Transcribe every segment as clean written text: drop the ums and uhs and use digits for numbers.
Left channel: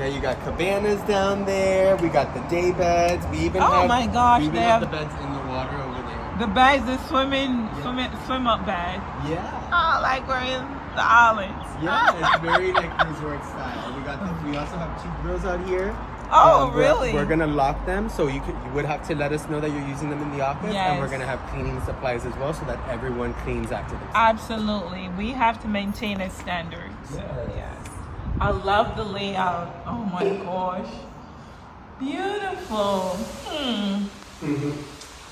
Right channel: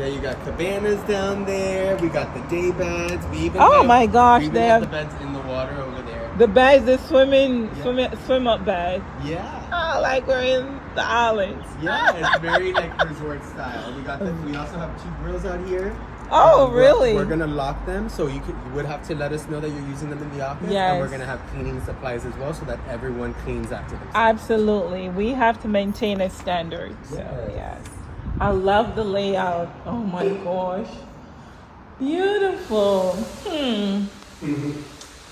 Yeah, you got cabanas down there. We got the day beds. We even Oh have, my gosh, we even they have have the beds in the water over there. the bags, the Yeah. swim up bag. Yeah. Oh, like we're in the islands. Yeah, it's very like resort style. We also have 2 grills out here. Oh, And really? We're gonna lock them, so you would have to let us know that you're using them in the office, and we're Yes. gonna have cleaning supplies as well, so that everyone cleans after themselves. Absolutely. We have to maintain a standard. So, Yes. yes. I love the layout. Oh my gosh. Beautiful.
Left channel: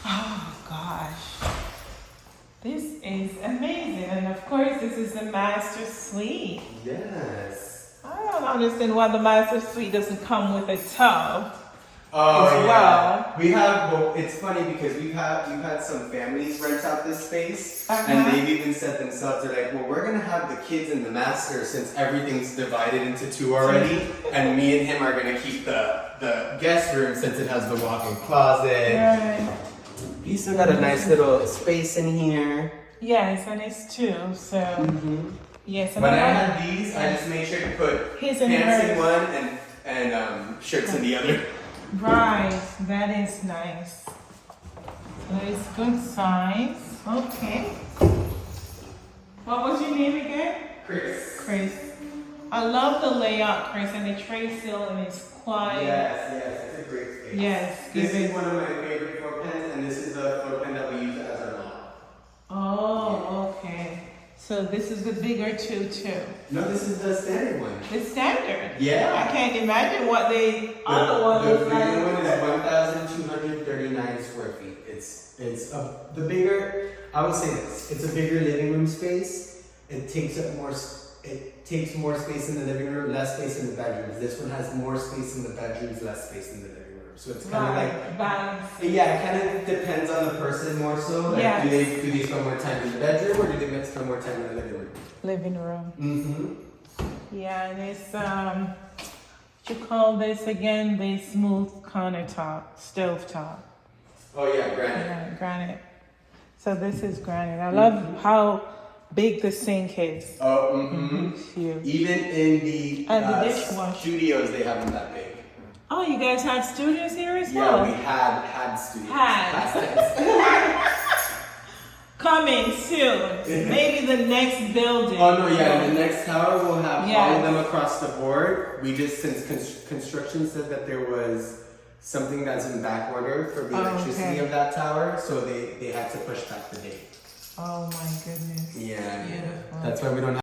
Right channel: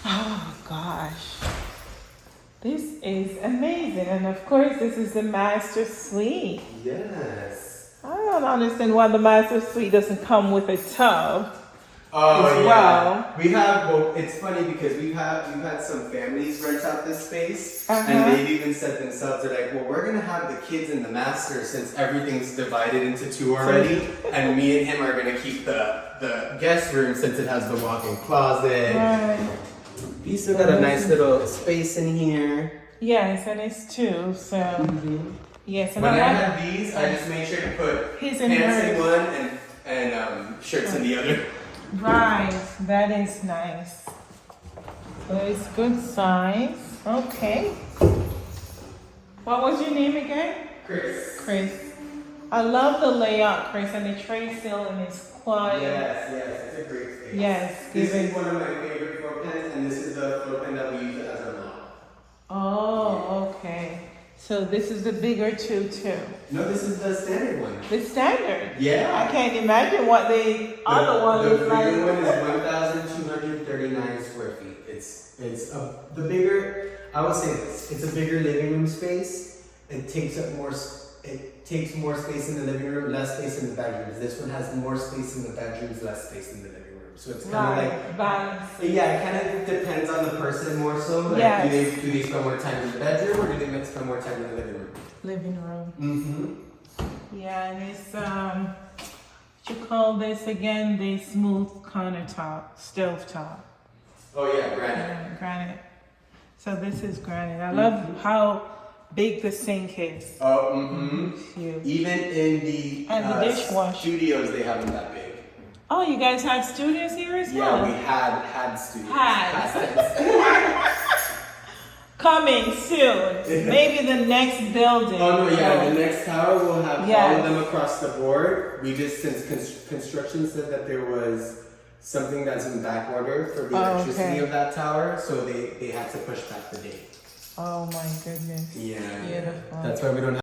Oh gosh. This is amazing. And of course, this is the master suite. Yes. I don't understand why the master suite doesn't come with a tub. Oh As yeah, we have. Well, it's funny because we've had some families rent out this space, and Uh-huh. they've even said themselves, they're like, well, we're gonna have the kids in the master since everything's divided into 2 already, and me and him are gonna keep the guest room since it has the walk-in closet. Right. You still got a nice little space in here. Yes, and it's two. So yes. And When I that- had these, I just made sure to put His pants and in hers. one and shirts in the other. Right, that is nice. So it's good size. Okay. What was your name again? Chris. Chris. I love the layout, Chris, and the tray ceiling is quiet. Yes, it's a great space. Yes. This is one of my favorite floor pans, and this is the floor pan that we use as our model. Oh, okay. So this is the bigger two too. No, this is the standard one. The standard. Yeah. I can't imagine what the other one The is bigger one like. is 1,239 square feet. The bigger. I would say this. It's a bigger living room space. It takes up more. It takes more space in the living room, less space in the bedrooms. This one has more space in the bedrooms, less space in the living room. So it's kind of like. Balance. Yeah, it kind of depends on the person more so. Like, Yes. do they spend more time in the bedroom or do they spend more time in the living room? Living room. Mm-hmm. Yeah, and it's what you call this again? The smooth countertop, stove top. Oh yeah, granite. Yeah, granite. So this is granite. I love how big the sink is. Oh, mm-hmm. It's huge. Even in the, And the dishwasher. studios, they have them that big. Oh, you guys have studios here as Yeah, well? we had studios. Had. Coming soon. Maybe the next building. Oh no, yeah, in the next tower we'll have all Yes. of them across the board. We just, since construction said that there was something that's in back order for the Oh, electricity okay. of that tower, so they had to push back the date. Oh my goodness. Yeah, Beautiful. that's why we don't have